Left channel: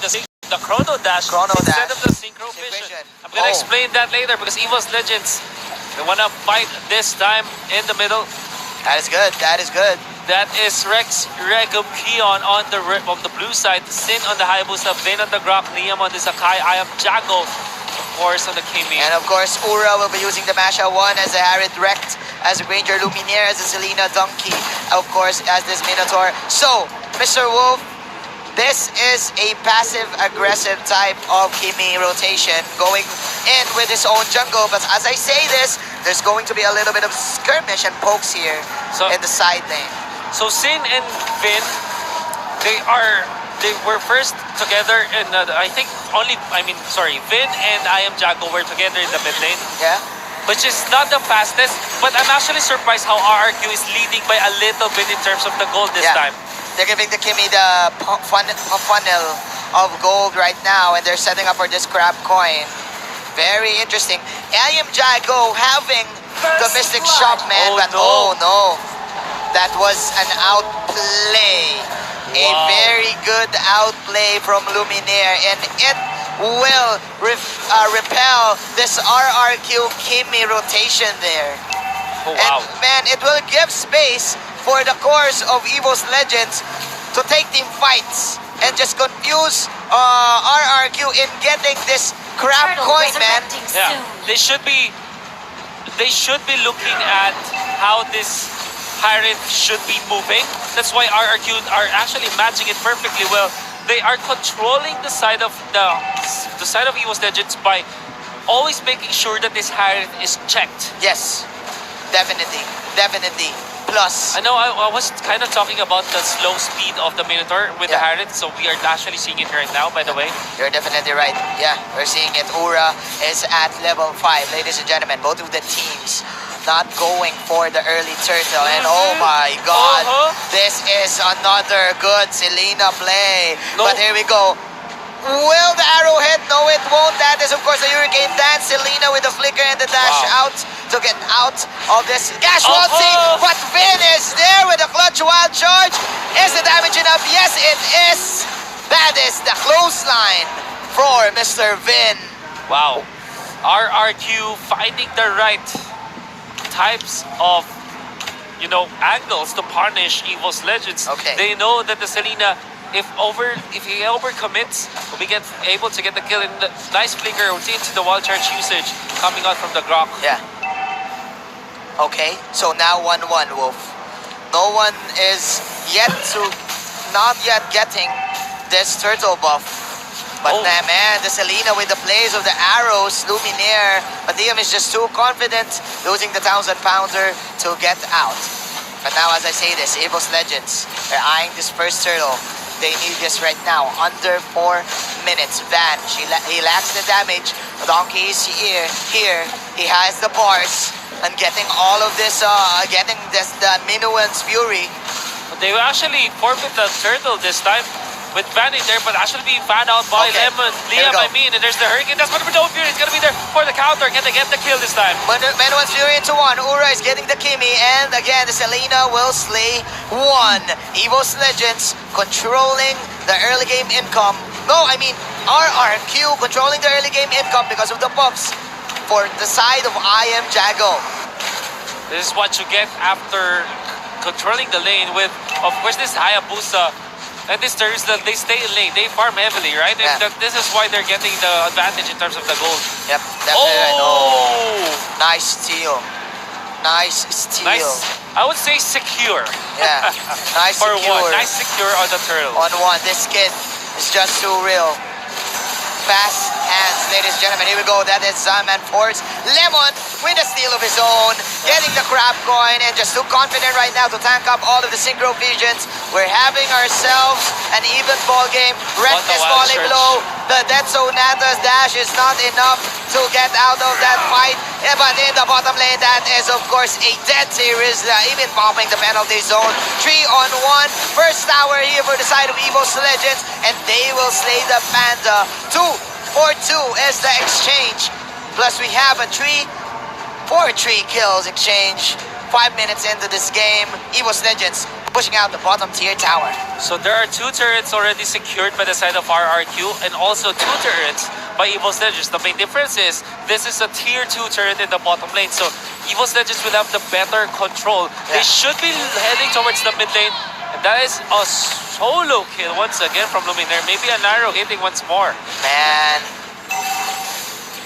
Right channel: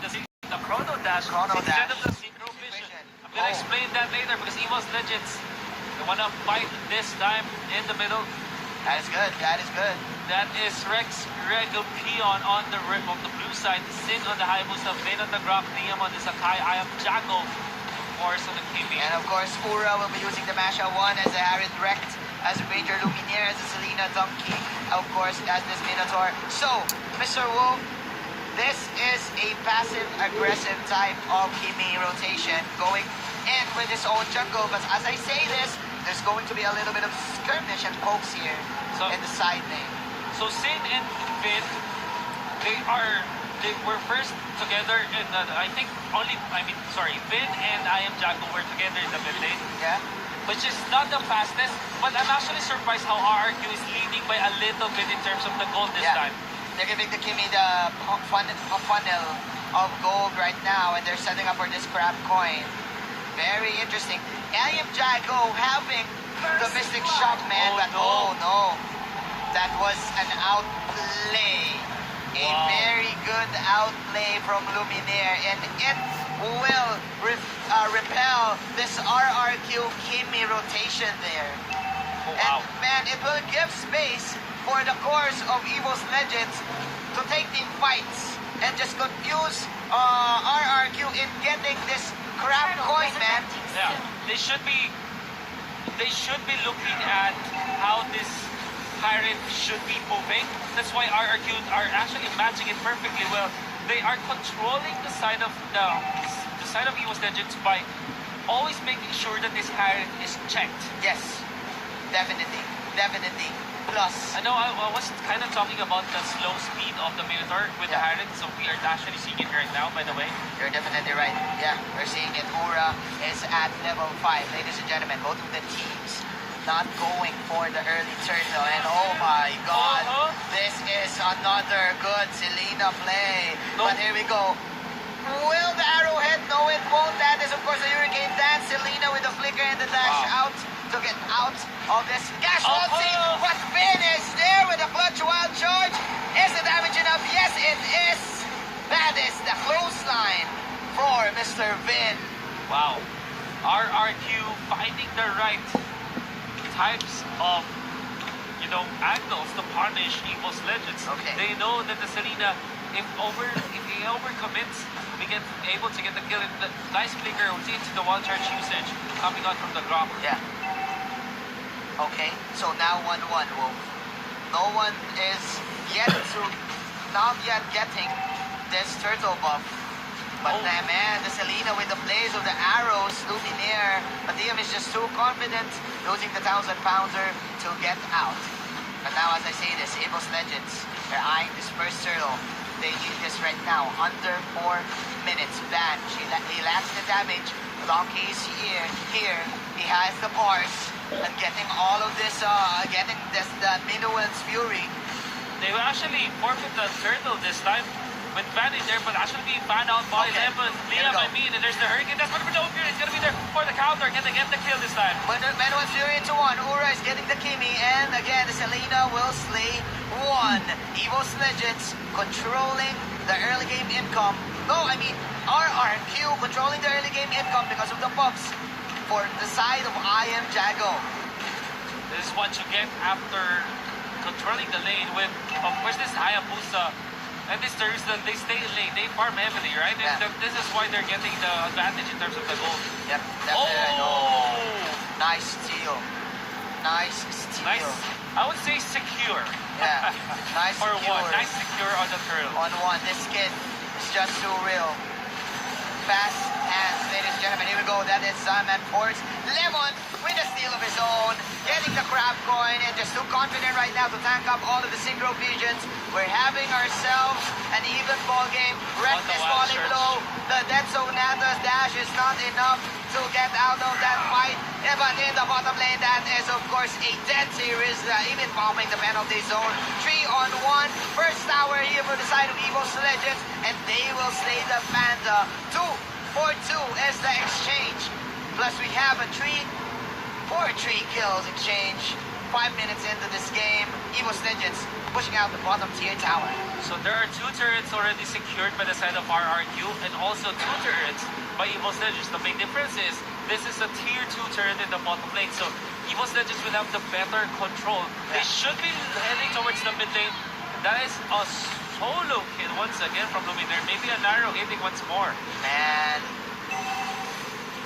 the chrono dash instead of the synchro vision. I'm gonna explain that later because EVOS Legends, they wanna fight this time in the middle. That is good. That is good. That is Rex Regum Keon on the blue side, Sin on the Hayabusa, Vin on the Grok, Liam on the Sakai, I am Jago, of course, on the Kimi. And of course, Ura will be using the Masha 1 as a Harriet Rect, as a Ranger Luminaire, as a Selena Donkey, of course, as this Minotaur. So, Mr. Wolf, this is a passive-aggressive type of Kimi rotation, going in with his own jungle. But as I say this, there's going to be a little bit of skirmish and pokes here in the side lane. So Sin and Vin, they were first together in I think Vin and I am Jago were together in the mid lane. Yeah. Which is not the fastest, but I'm actually surprised how RRQ is leading by a little bit in terms of the gold this time. They're giving the Kimi the funnel of gold right now, and they're setting up for this crab coin. Very interesting. I am Jago having the Mystic Shop, man, but oh no. That was an outplay. A very good outplay from Luminaire, and it will repel this RRQ Kimi rotation there. Oh, wow. And man, it will give space for the course of EVOS Legends to take team fights and just confuse RRQ in getting this crab coin, man. Yeah, they should be looking at how this Pirate should be moving. That's why RRQ are actually matching it perfectly well. They are controlling the side of the side of EVOS Legends by always making sure that this Pirate is checked. Yes, definitely. Plus, I know I was kind of talking about the slow speed of the Minotaur with the Harriet, so we are actually seeing it right now, by the way. You're definitely right. Yeah, we're seeing it. Ura is at level 5. Ladies and gentlemen, both of the teams not going for the early turtle. And oh my god, this is another good Selena play. But here we go. Will the arrow hit? No, it won't. That is, of course, the Hurricane Dance. Selena with the flicker and the dash out to get out of this casualty. But Vin is there with a clutch wild charge. Is the damage enough? Yes, it is. That is the clothesline for Mr. Vin. Wow. RRQ finding the right types of, angles to punish EVOS Legends. They know that the Selena, if he overcommits, will be able to get the kill in the nice flicker into the wild charge usage coming out from the Grok. Yeah. Okay, so now 1-1, Wolf. No one is not yet getting this turtle buff. But man, the Selena with the plays of the arrows, Luminaire, but Liam is just too confident, losing the 1,000 pounder to get out. But now, as I say this, EVOS Legends, they're eyeing this first turtle. They need this right now, under 4 minutes. Van, he lacks the damage. Donkey is here. He has the bars and getting all of this, the Minuan's Fury. They will actually forfeit the turtle this time. With Van in there, but actually being found out by Liam, and there's the Hurricane. That's going to be no Fury. It's going to be there for the counter. Can they get the kill this time? But Menuan's Fury into 1. Ura is getting the Kimi, and again, the Selena will slay 1. EVOS Legends controlling the early game income. No, I mean, RRQ controlling the early game income because of the buffs for the side of I am Jago. This is what you get after controlling the lane with, of course, this Hayabusa. And this Thursday, they stay in lane. They farm heavily, right? Yeah. And this is why they're getting the advantage in terms of the gold. Yep, definitely. Oh! Nice steal. Nice, I would say secure. Yeah, nice secure. Nice secure on the turtle. On 1, this kid is just too real. Fast hands, ladies and gentlemen. Here we go. That is Zaman Force. Lemon with a steal of his own, getting the crab coin, and just too confident right now to tank up all of the synchro visions. We're having ourselves an even ball game. Red is falling low. The Dead Sonata's dash is not enough to get out of that fight. Yeah, but in the bottom lane, that is, of course, a dead series. Even popping the penalty zone. 3-on-1. First tower here for the side of EVOS Legends, and they will slay the Panda. 2-for-2 is the exchange. Plus, we have a 3-for-3 kills exchange. 5 minutes into this game, EVOS Legends pushing out the bottom tier tower. So there are 2 turrets already secured by the side of RRQ and also 2 turrets by EVOS Legends. The main difference is this is a tier 2 turret in the bottom lane. So EVOS Legends will have the better control. They should be heading towards the mid lane. And that is a solo kill once again from Luminaire. Maybe a narrow hitting once more. Man,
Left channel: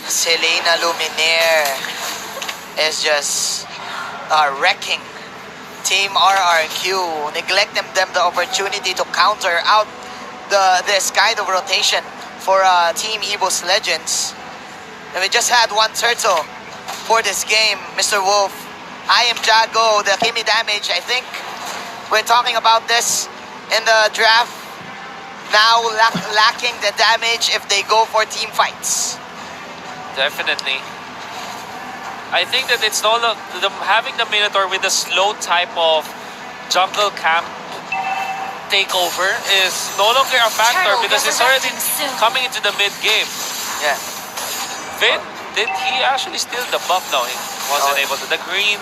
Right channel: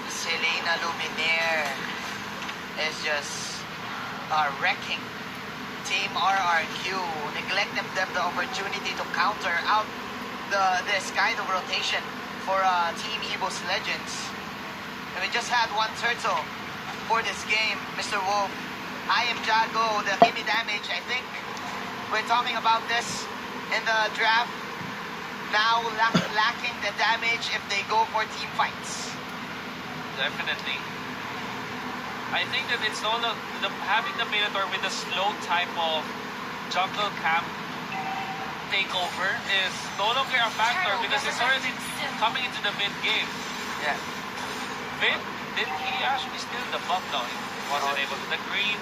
Selena Luminaire is just wrecking Team RRQ, neglecting them the opportunity to counter out this kind of rotation for Team EVOS Legends. And we just had 1 turtle for this game, Mr. Wolf. I am Jago, the Kimi damage, I think we're talking about this in the draft. Now lacking the damage if they go for team fights. Definitely. I think that it's no having the Minotaur with a slow type of jungle camp takeover is no longer a factor because it's already coming into the mid game. Yeah. Vin, did he actually steal the buff? No, he wasn't able to. The green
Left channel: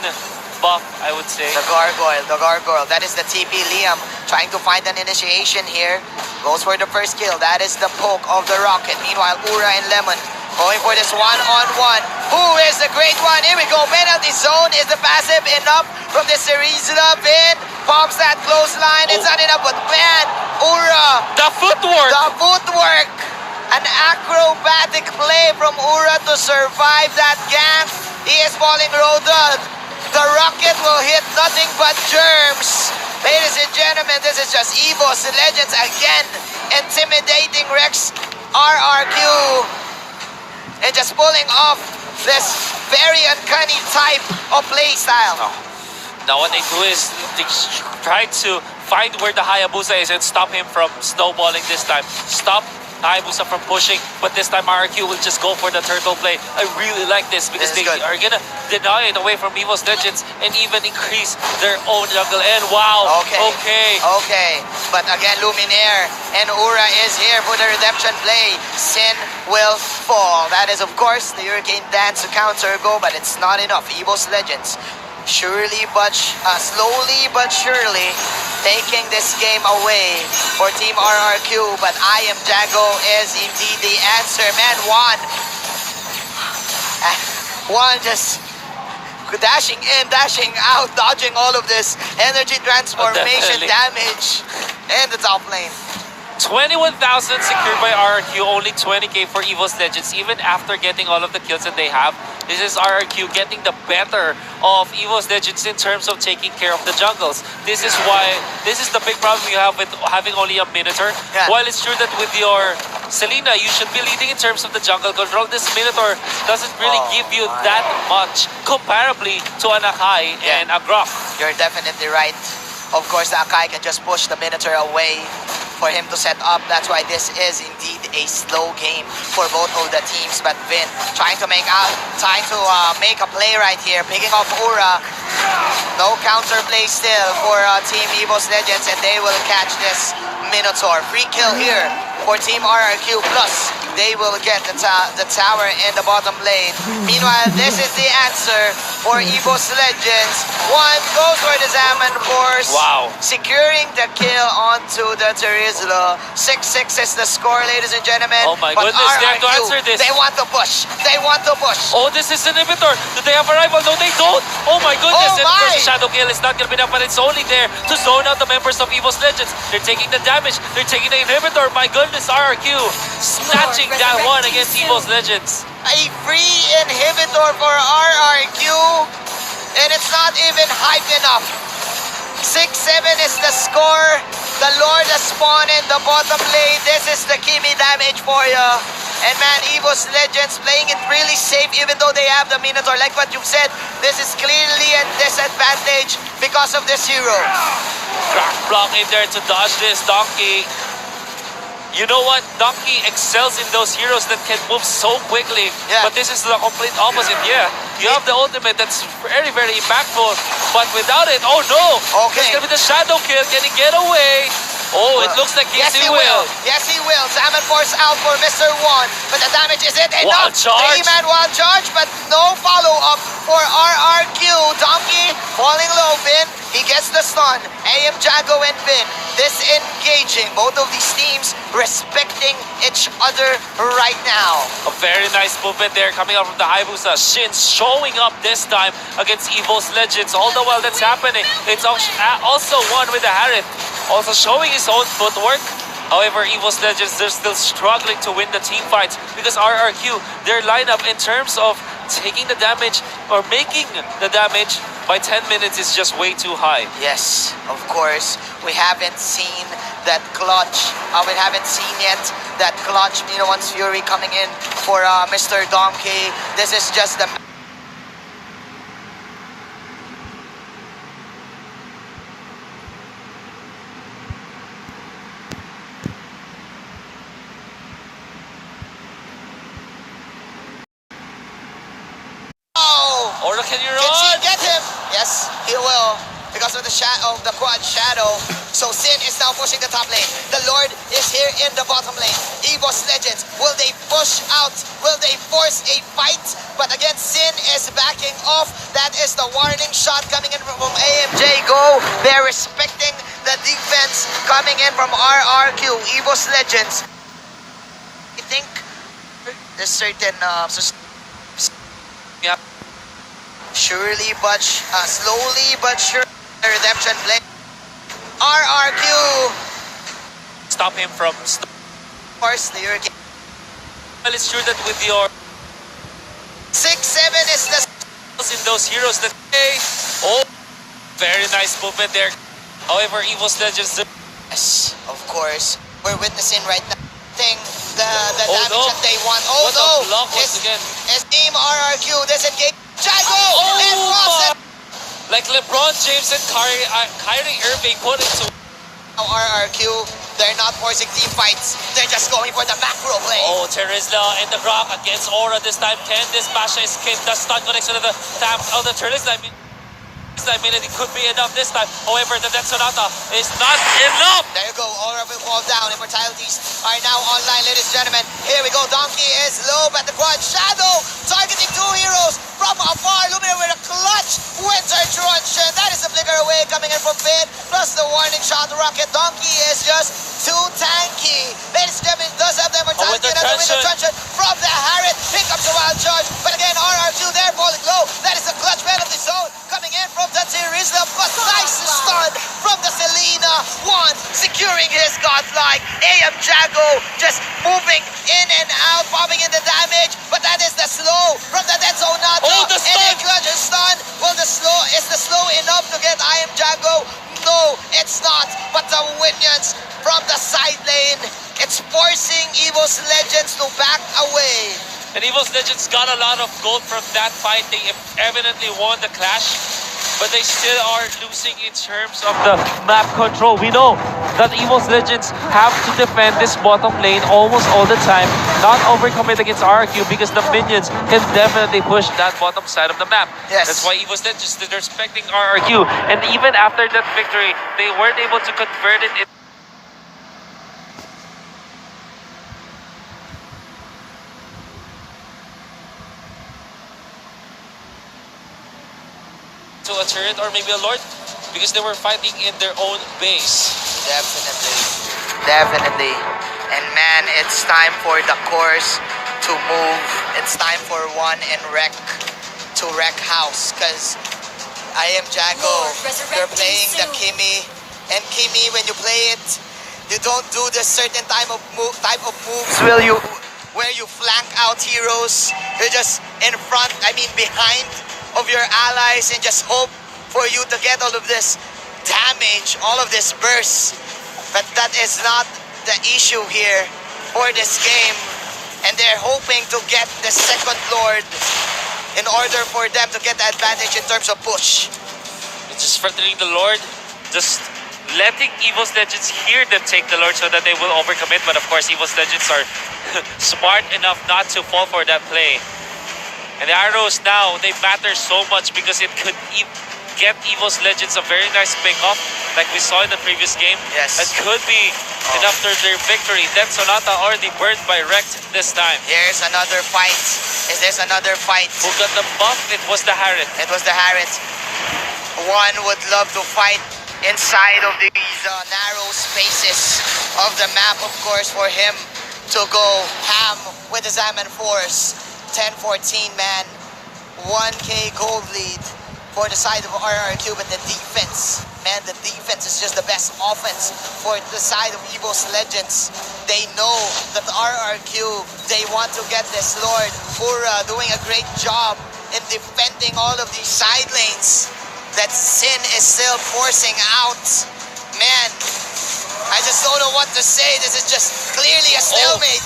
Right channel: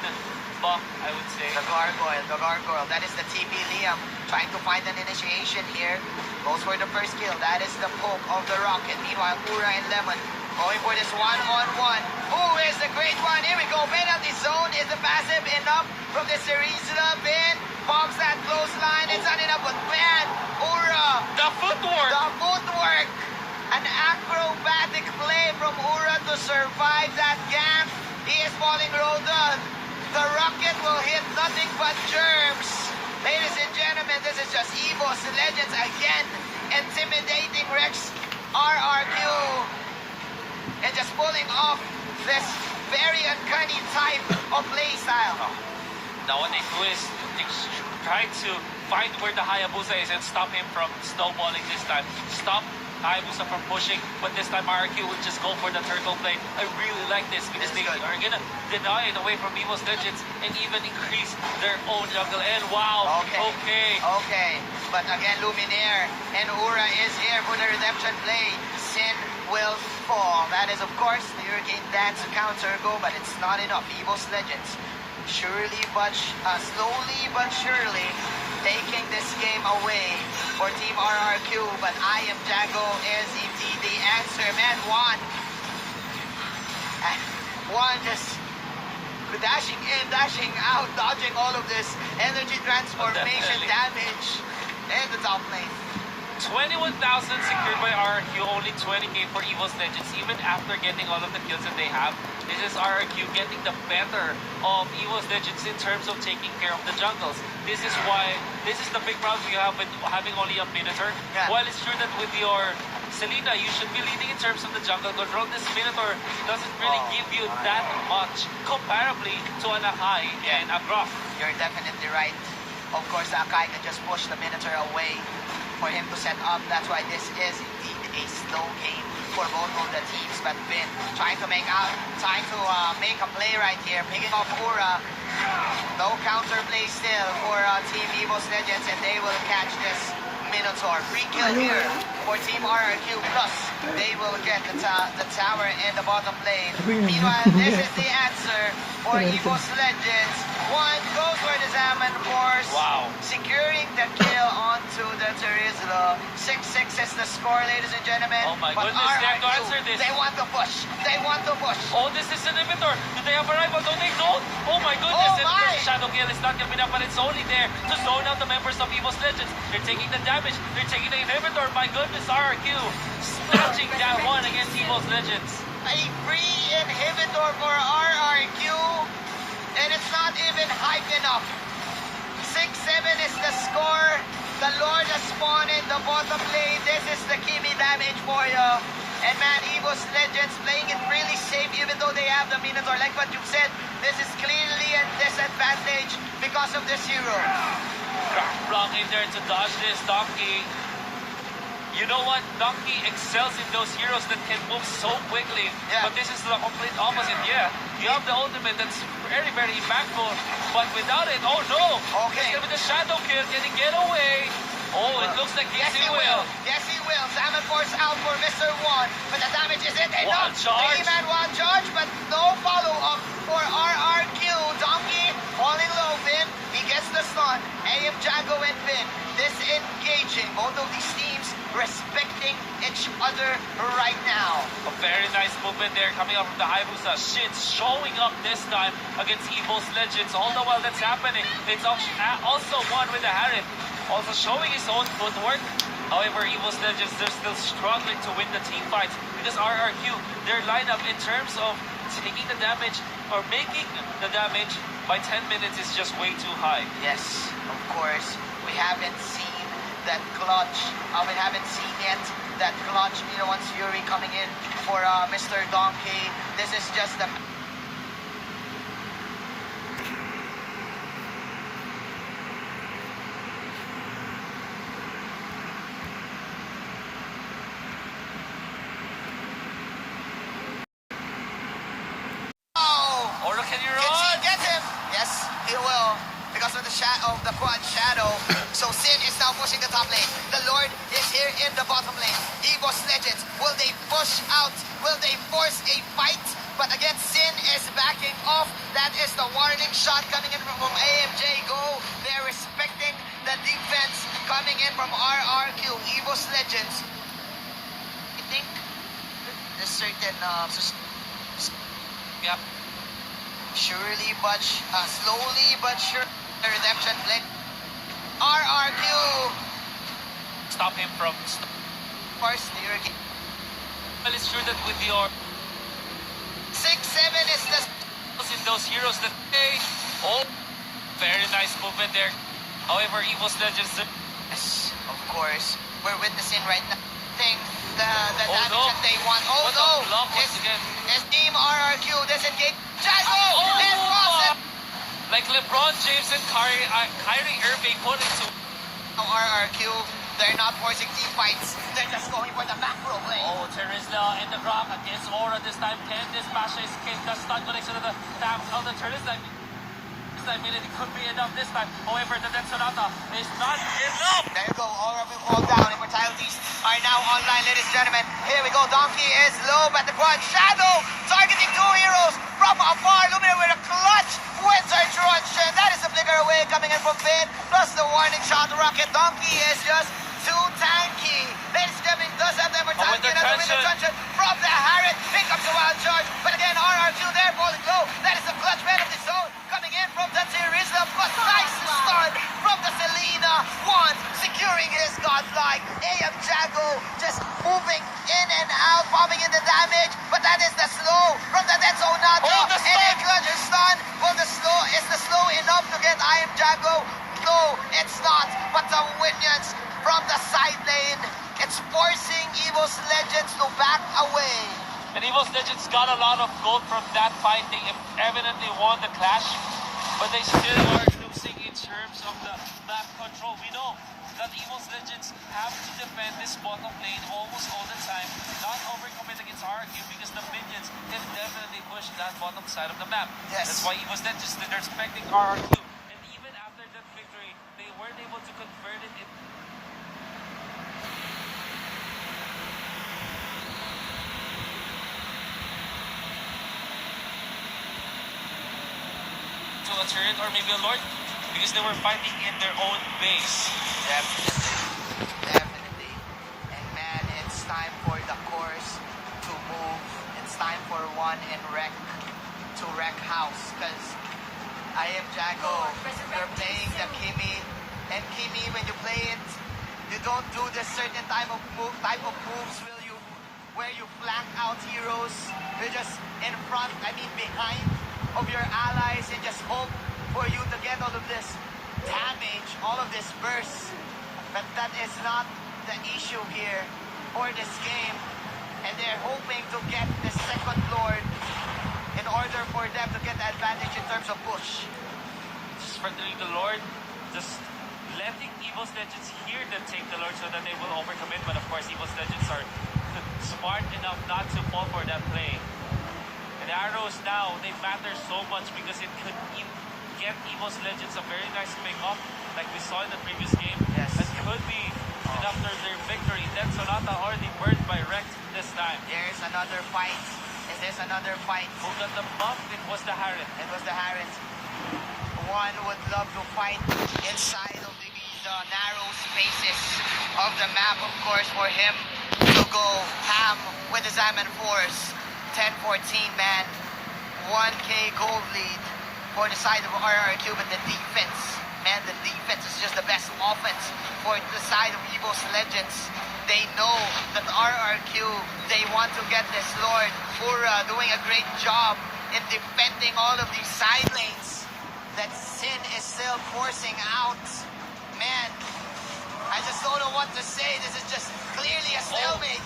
buff, I would say. The gargoyle. That is the TP Liam trying to find an initiation here. Goes for the first kill. That is the poke of the rocket. Meanwhile, Ura and Lemon going for this one-on-one. Who is the great one? Here we go. Penalty zone. Is the passive enough from the series? Vin pops that close line. It's not enough, but man, Ura. The footwork. An acrobatic play from Ura to survive that gank. He is falling roaded. The rocket will hit nothing but germs. Ladies and gentlemen, this is just EVOS Legends again. Intimidating Rex RRQ. And just pulling off this very uncanny type of play style. Now what they do is they try to find where the Hayabusa is and stop him from snowballing this time. Stop Hayabusa from pushing, but this time RRQ will just go for the turtle play. I really like this because they are gonna deny it away from EVOS Legends and even increase their own jungle. And wow, okay. But again, Luminaire and Ura is here for the redemption play. Sin will fall. That is, of course, the Hurricane Dance to counter go, but it's not enough. EVOS Legends slowly but surely taking this game away for Team RRQ, but I Am Jago is indeed the answer. Man, Juan just dashing in, dashing out, dodging all of this energy transformation damage in the top lane. 21,000 secured by RRQ, only 20k for EVOS Legends, even after getting all of the kills that they have. This is RRQ getting the better of EVOS Legends in terms of taking care of the jungles. This is the big problem you have with having only a Minotaur. While it's true that with your Selena, you should be leading in terms of the jungle control, this Minotaur doesn't really give you that much comparably to an Akai and a Grok. You're definitely right. Of course, the Akai can just push the Minotaur away for him to set up. That's why this is indeed a slow game for both of the teams. But Vin trying to make a play right here, picking off Ura. No counter play still for Team EVOS Legends, and they will catch this Minotaur. Free kill here for Team RRQ, plus they will get the tower in the bottom lane. Meanwhile, this is the answer for EVOS Legends. One goes for the Zaman Force. Wow. Securing the kill onto the Terizla. 6-6 is the score, ladies and gentlemen. Oh my goodness, they have to answer this. They want to push. Oh, this is an inhibitor. Do they have a rival? No, they don't. Oh my goodness. Oh and of course, my. the Shadow Kill is not going to be enough, but it's only there to zone out the members of EVOS Legends. They're taking the damage. They're taking the inhibitor. My goodness, RRQ snatching that one against EVOS Legends. A free inhibitor for RRQ, and it's not even hype enough. 6-7 is the score. The Lord has spawned in the bottom lane. This is the Kimi damage for you. And man, EVOS Legends playing it really safe even though they have the Minotaur. Like what you've said, this is clearly a disadvantage because of this hero. Crack block in there to dodge this Donkey. You know what? Donkey excels in those heroes that can move so quickly. But this is the complete opposite. You have the ultimate that's very, very impactful. But without it, oh no! It's gonna be the Shadow Kill. Can he get away? Oh, it looks like yes, he will. Yes, he will. Zaman Force out for Mr. One. But the damage is it enough? Wild charge. 3-man wild charge, but no follow-up for RRQ. Donkey falling low. Vin, he gets the stun. AM Jago and Vin disengaging. Both of these teams respecting each other right now. A very nice movement there coming out from the Hayabusa. Shin showing up this time against EVOS Legends. All the while that's happening, it's also one with the Harith. Also showing his own footwork. However, EVOS Legends, they're still struggling to win the team fights because RRQ, their lineup in terms of taking the damage or making the damage by 10 minutes is just way too high. Yes, of course. We haven't seen that clutch. We haven't seen yet that clutch Minowan's Fury coming in for Mr. Donkey. This is just the... Or can you Did run? he get him? Yes, he will. Because of the shadow, the quad shadow. So Sin is now pushing the top lane. The Lord is here in the bottom lane. EVOS Legends, will they push out? Will they force a fight? But again, Sin is backing off. That is the warning shot coming in from AMJ Go. They're respecting the defense coming in from RRQ, EVOS Legends. I think there's certain... Yep. Surely but slowly but sure, the redemption play. RRQ. Stop him from... Force the hurricane. Well, it's true that with your... 6-7 is the... in those heroes that... Oh, very nice movement there. However, EVOS Legends... Yes, of course. We're witnessing right now. The Oh, damage no. that they want. Oh What no! a block once again. His team RRQ disengage. Jago! Oh, like LeBron James and Kyrie Irving put into... Now RRQ, they're not forcing team fights. They're just going for the macro play. Oh, Terizla in the rock against Aura this time. Can this Basha escape the stun connection of the tap of the Terizla? I mean, it could be enough this time. However, the Death Sonata is not enough. There you go. Aura will fall down. Immortalities are now online, ladies and gentlemen. Here we go. Donkey is low at the quad. Shadow targeting two heroes from afar. Lumina with a clutch. Winter Truncheon. That is the flicker away coming in from Finn. Plus the warning shot. Rocket. Donkey is just too tanky. Ladies and gentlemen, does have the immortality and the Winter Truncheon from the Harith. Pick up the wild charge. But again, RR2 there falling low. That is the clutch man of the zone coming in from the Terizla. But nice stun from the Selena. One securing his godlike. AM Jago just moving in and out, bombing in the damage. But that is the slow from the Dead Sonata. Oh, the stun! And a clutch stun. Well, is the slow enough to get AM Jago? No, it's not. But the Minions from the side lane, it's forcing EVOS Legends to back away. And EVOS Legends got a lot of gold from that fight. They evidently won the clash, but they still are losing in terms of the map control. We know that EVOS Legends have to defend this bottom lane almost all the time, not overcommit against RRQ because the minions can definitely push that bottom side of the map. Yes. That's why EVOS Legends, they're respecting RRQ. And even after that victory, they weren't able to convert it to a turret or maybe a lord because they were fighting in their own base. Definitely. And man, it's time for the course to move. It's time for one in wreck to wreck house because I am Jago. You're playing the Kimi, and Kimi, when you play it, you don't do this certain type of moves where you flank out heroes. You're just in front, behind of your allies and just hope for you to get all of this damage, all of this burst. But that is not the issue here for this game. And they're hoping to get the second Lord in order for them to get the advantage in terms of push. It's just threatening the Lord, just letting EVOS Legends hear them take the Lord so that they will overcommit. But of course, EVOS Legends are smart enough not to fall for that play. And the arrows now, they matter so much because it could get EVOS Legends a very nice pick-up, like we saw in the previous game. Yes. It could be enough for their victory. Death Sonata already burned by Wrecked this time. Here's another fight Is this another fight? Who got the buff? It was the Harriet. It was the Harriet. One would love to fight inside of these narrow spaces of the map, of course, for him to go ham with the Zaman Force. 10-14, man. 1K gold lead for the side of RRQ, but the defense, man, the defense is just the best offense for the side of EVOS Legends. They know that the RRQ, they want to get this Lord. Fura doing a great job in defending all of these side lanes that Sin is still forcing out. Man, I just don't know what to say. This is just clearly a stalemate.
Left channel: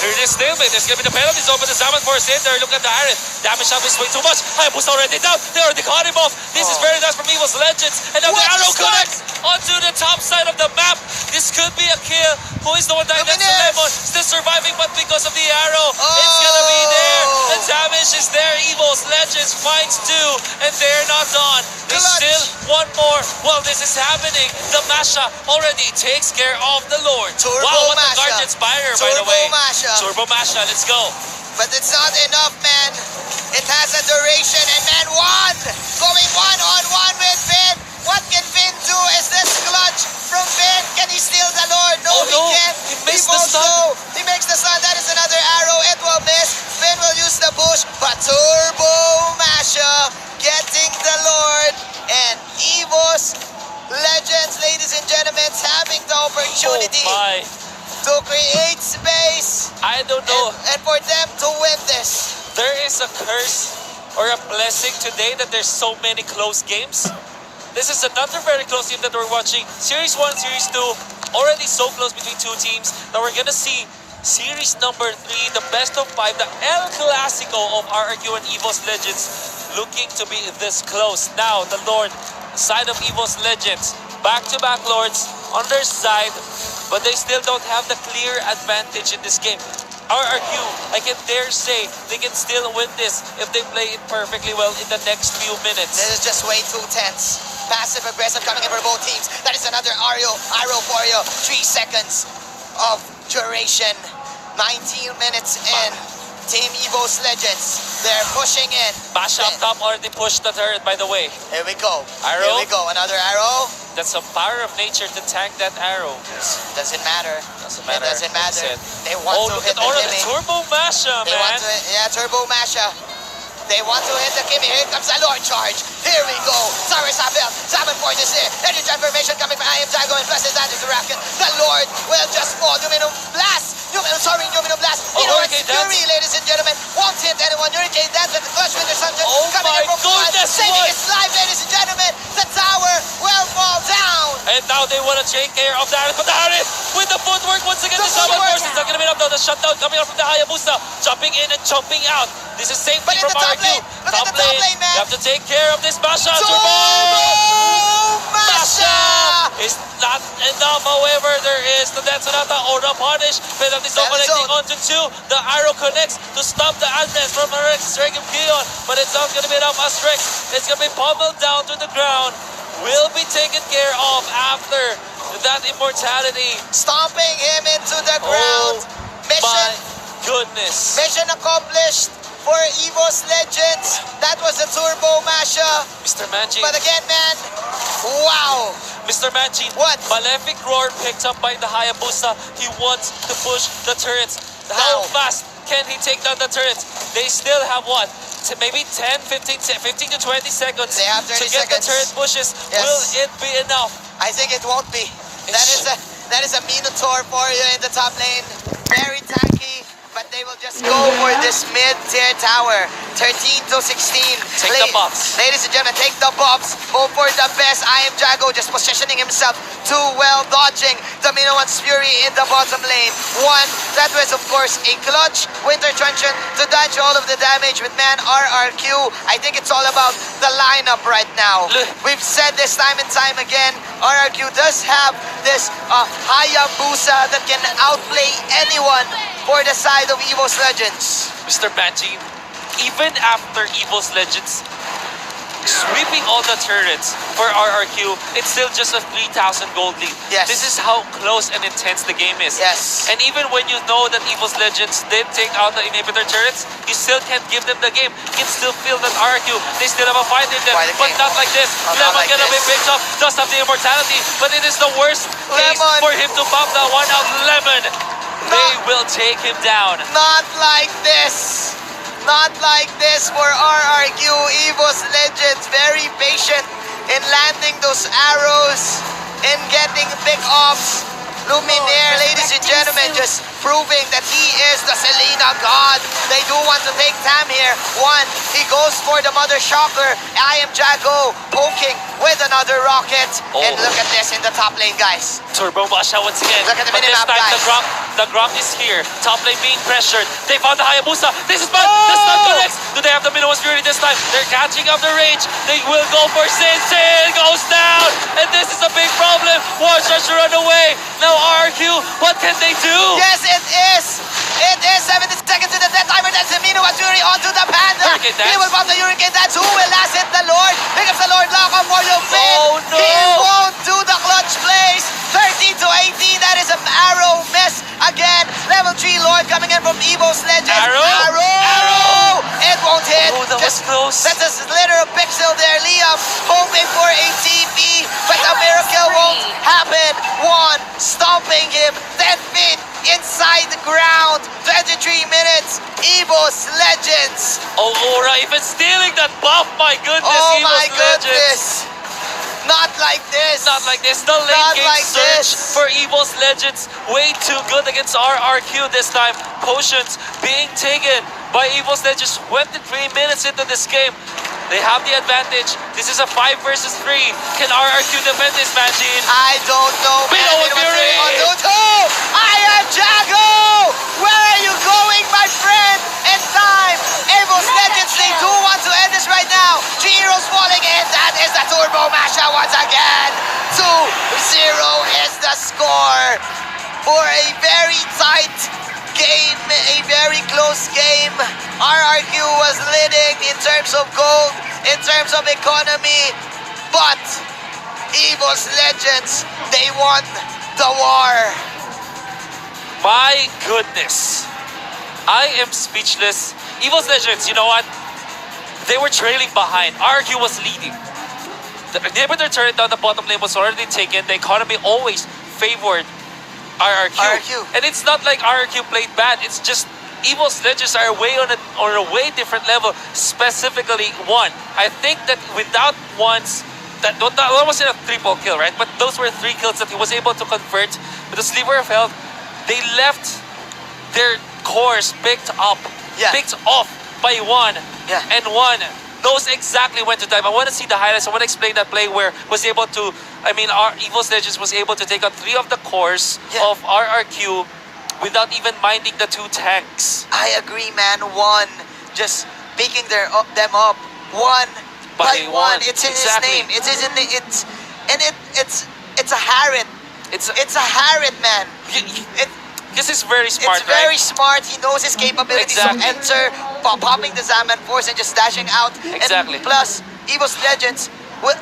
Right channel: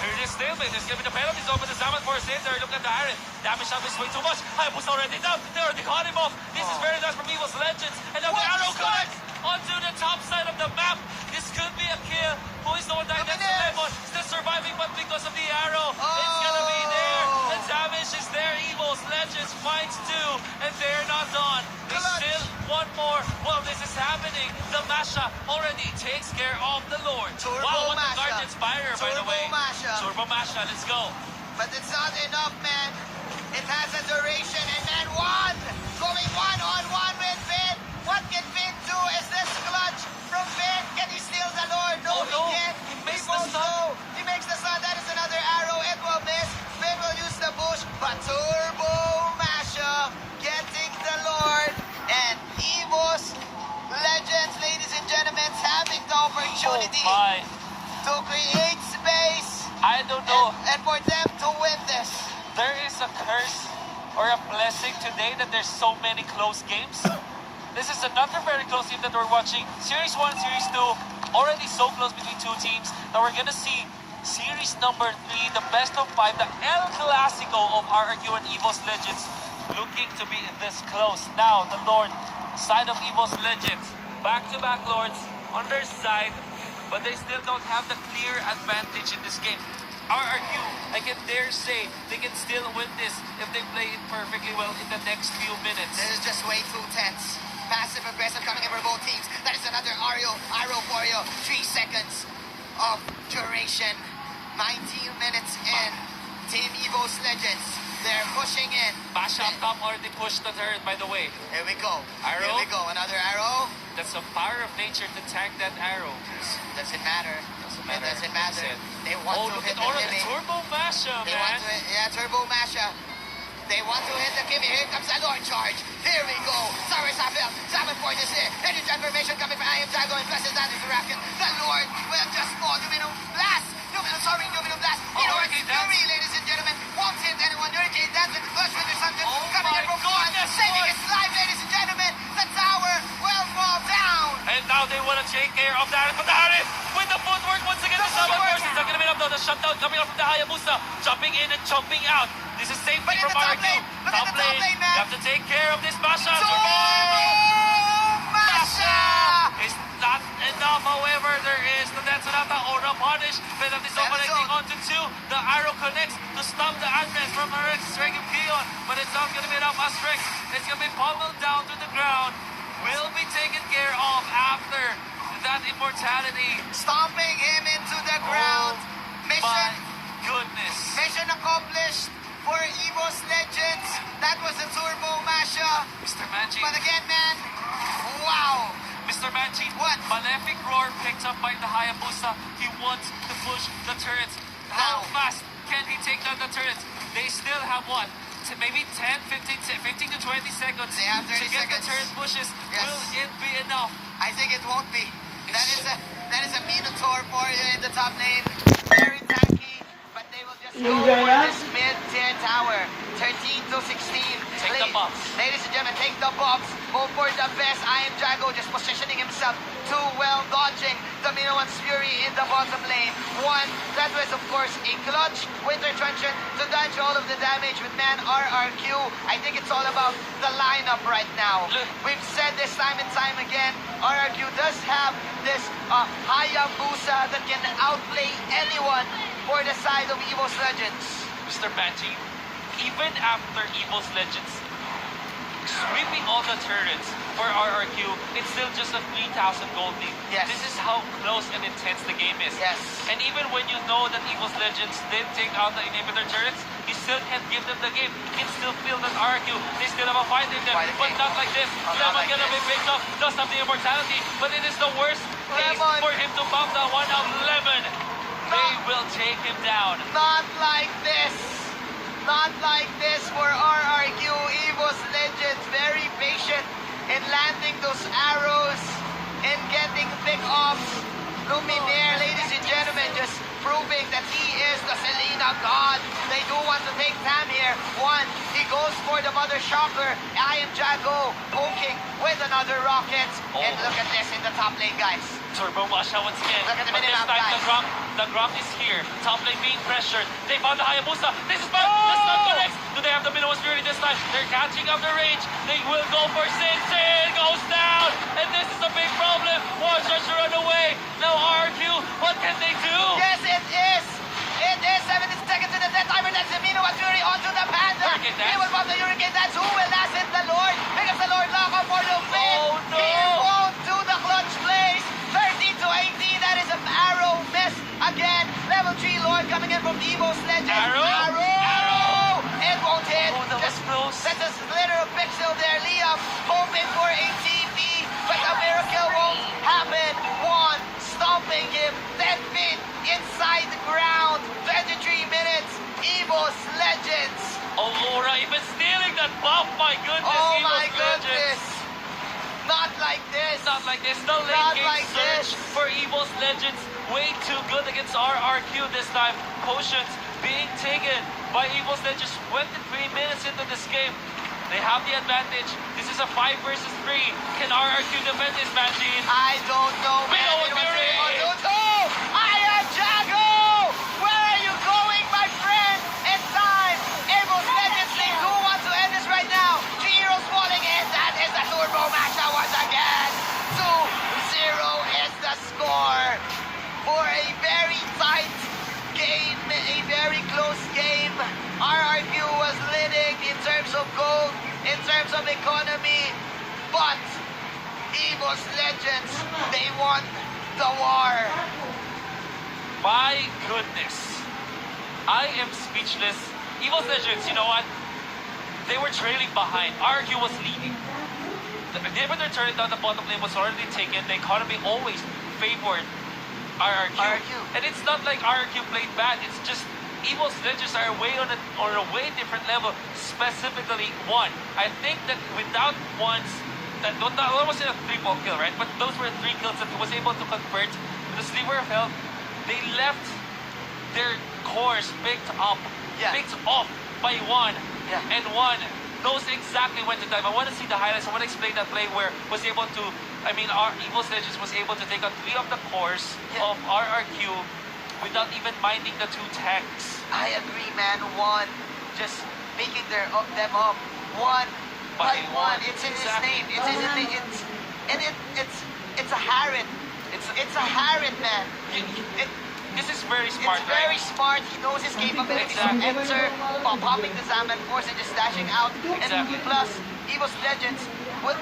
Clearly a stalemate. There's going to be the penalties over the Zaman Force in there. Look at the Harriet. Damage shot is way too much. Hayabusa already down. They already caught him off. This is very nice from EVOS Legends. And now the arrow connects onto the top side of the map. This could be a kill. Who is the one dying? That's the Lemon. Still surviving, but because of the arrow, it's going to be there. The damage is there. EVOS Legends finds two, and they're not done. They still want more. Well, this is happening. The Masha already takes care of the Lord. Turbo wow, what Masha. a guardian Spire, by the Turbo way. Masha. Turbo Masha, let's go. But it's not enough, man. It has a duration, and man, one going one-on-one with Finn. What can Finn do? Is this clutch from Finn? Can he steal the Lord? No, Oh, he no. can't. He makes the stun. He makes the stun. That is another arrow. It will miss. Finn will use the bush, but Turbo Masha getting the Lord. And EVOS Legends, ladies and gentlemen, having the opportunity Oh my. to create space I don't know. and for them to win this. There is a curse or a blessing today that there's so many close games. This is another very close game that we're watching. Series 1, Series 2, already so close between two teams that we're gonna see Series number 3, the best of 5, the El Clásico of RRQ and EVOS Legends, looking to be this close. Now, the Lord, side of EVOS Legends, back-to-back Lords on their side, but they still don't have the clear advantage in this game. RRQ, I can dare say, they can still win this if they play it perfectly well in the next few minutes. This is just way too tense. Passive aggressive coming in for both teams. That is another arrow for you. 3 seconds of duration. 19 minutes in. Team EVOS Legends. They're pushing in. Masha up top already pushed the turret, by the way. Here we go. Arrow. Here we go. Another arrow. That's a power of nature to tank that arrow. Doesn't matter. Doesn't matter. It doesn't matter. Said. They want Oh, to look hit at all the of the Kimmy. Turbo Masha, They man. want to, yeah, Turbo Masha. They want to hit the Kimmy. Here comes the Lord charge. Here we go. Cyrus Abel. Zaman Force is here. Energy transformation coming from I Am Jago and plus his that is the Racket. The Lord will just fall. Numinum Blast. Numinum Blast. Oh, You know it's Hurricane Dance. Fury, ladies and gentlemen. Won't hit anyone. Hurricane Dance with the Flush Winter Sunshine. Oh coming my in from one. goodness, Saving what? his life, ladies and gentlemen. The tower will fall down. And now they want to take care of that. But the Harriet with the footwork once again. The The Zaman footwork. Force is not going to be enough now. The shutdown coming out from the Hayabusa. Jumping in and jumping out. This is same But thing in from the top RRQ. lane. Look at the top lane, man. You have to take care of this Masha. Turbo Masha Masha. is not enough. However, there is the Densonata or the punish. Penalty zone connecting onto 2. The arrow connects to stop the Advance from Rex Dragon Keon. But it's not going to be enough as Rex. It's going to be pummeled down to the ground. Will be taken care of after that immortality. Stomping him into the Oh ground. my Mission goodness. Mission accomplished for EVOS Legends. That was the Turbo Masha. Mr. Manji. But again, man, wow. Mr. Manji. What? Malefic Roar picked up by the Hayabusa. He wants to push the turrets. How How? fast can he take down the turrets? They still have what? Maybe 10, 15 to 20 seconds They have to 30 get the seconds. turret pushes. Yes. Will it be enough? I think it won't be. That is a Minotaur for you in the top lane. Very tanky, but they will just go for this mid-tier tower. 13 to 16. Take the buffs. Ladies and gentlemen, take the buffs. Hope for the best. I Am Jago just positioning himself too well, dodging the Minoan's Fury in the bottom lane. One, that was of course a clutch Winter Truncheon to dodge all of the damage with man RRQ. I think it's all about the lineup right now. We've said this time and time again, RRQ does have this Hayabusa that can outplay anyone for the side of EVOS Legends. Mr. Manji, even after EVOS Legends sweeping all the turrets for RRQ. It's still just a 3,000 gold lead. Yes. This is how close and intense the game is. Yes. And even when you know that EVOS Legends did take out the inhibitor turrets, you still can't give them the game. You can still feel that RRQ, they still have a fight in them, but not like this. Lemon gonna be picked up, does have the immortality, but it is the worst case for him to pop that one out. Lemon, they will take him down. Not like this. Not like this for RRQ. EVOS Legends very patient in landing those arrows and getting big offs. Luminaire, ladies and gentlemen, just proving that he is the Selena god. They do want to take Tam here. One, he goes for the Mother Shocker. I am Jago poking with another rocket. And look at this in the top lane, guys. Turbo Masha once again. Look at the but this minimap, time guys. the Grok is here. Top lane being pressured. They found the Hayabusa. This is bad. The stun connects. Do they have the minimum security this time? They're catching up the range. They will go for Sin. Sin goes down. And this is a big problem. War starts to run away. Now RRQ, what can they do? Yes, it is. It is 70 seconds to the death timer. That's Amino Waturi onto the Panda. He will pop the Hurricane Dance. Who will last hit the Lord? Pick up the Lord lock on for your fin. Oh no. He won't do the clutch plays. 13 to 18. That is an arrow miss. Again, level 3 Lord coming in from EVOS Legends. Arrow! It won't hit. Oh, that was close. That's a slither of pixel there. Liam hoping for a TP, but a miracle won't happen. One, stomping him. 10 feet inside the ground. 23 minutes. EVOS Legends. Oh, Aura even stealing that buff. My goodness, Oh EVOS my Legends. goodness. Not like this. Not like this. The late Not game like surge this. for EVOS Legends. Way too good against RRQ this time. Potions being taken by EVOS Legends. 23 minutes into this game. They have the advantage. This is a 5 versus 3. Can RRQ defend this, Majin? I don't know. Below with Fury. I am Jago. Where are you going, my friend? It's time. EVOS Legends, they do want to end this right now. 3 heroes falling in. That is the Turbo Masha once again. 2-0 is the score for a very tight game, a very close game. RRQ was leading in terms of gold, in terms of economy, but EVOS Legends, they won the war. My goodness. I am speechless. EVOS Legends, you know what? They were trailing behind. RRQ was leading. The inhibitor turret down the bottom lane was already taken. The economy always favored RRQ. And it's not like RRQ played bad. It's just EVOS Legends are way on a way different level. Specifically, one. I think that without ones, that wasn't a triple kill, right? But those were 3 kills that he was able to convert with the sliver of health. They left their cores picked off by one. And one knows exactly when to time. I want to see the highlights. I want to explain that play where was able to, our EVOS Legends was able to take out 3 of the cores of RRQ without even minding the 2 tanks. I agree, man. One, just picking them up. One by one. It's in his name. It's in the, it's a Harriet. It's a Harriet, man. This is very smart, It's very smart. He knows his capabilities to enter, popping the Zaman Force and just dashing out. Exactly. And plus, EVOS Legends, will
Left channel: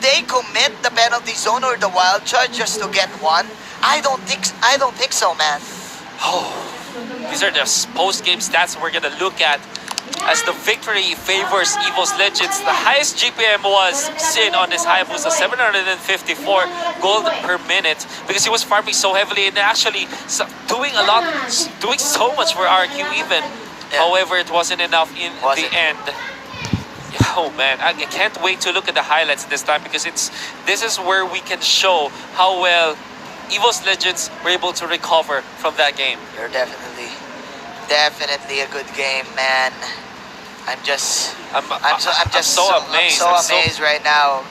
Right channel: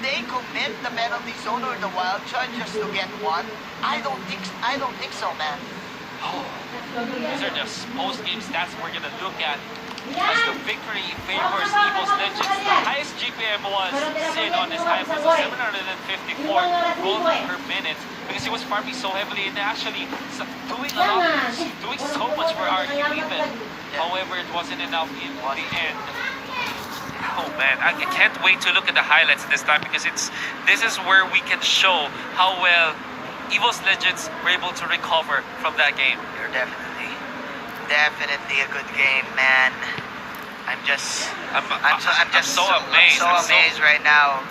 they commit the penalty zone or the wild charge just to get one? I don't think so, man. These are the post-game stats we're gonna look at as the victory favors EVOS Legends. The highest GPM was Sin on this Hayabusa, 754 gold per minute, because he was farming so heavily and actually doing so much for RQ even. However, it wasn't enough in the end. Oh man, I can't wait to look at the highlights this time, because this is where we can show how well EVOS Legends were able to recover from that game. They're definitely a good game, man. I'm so amazed right now.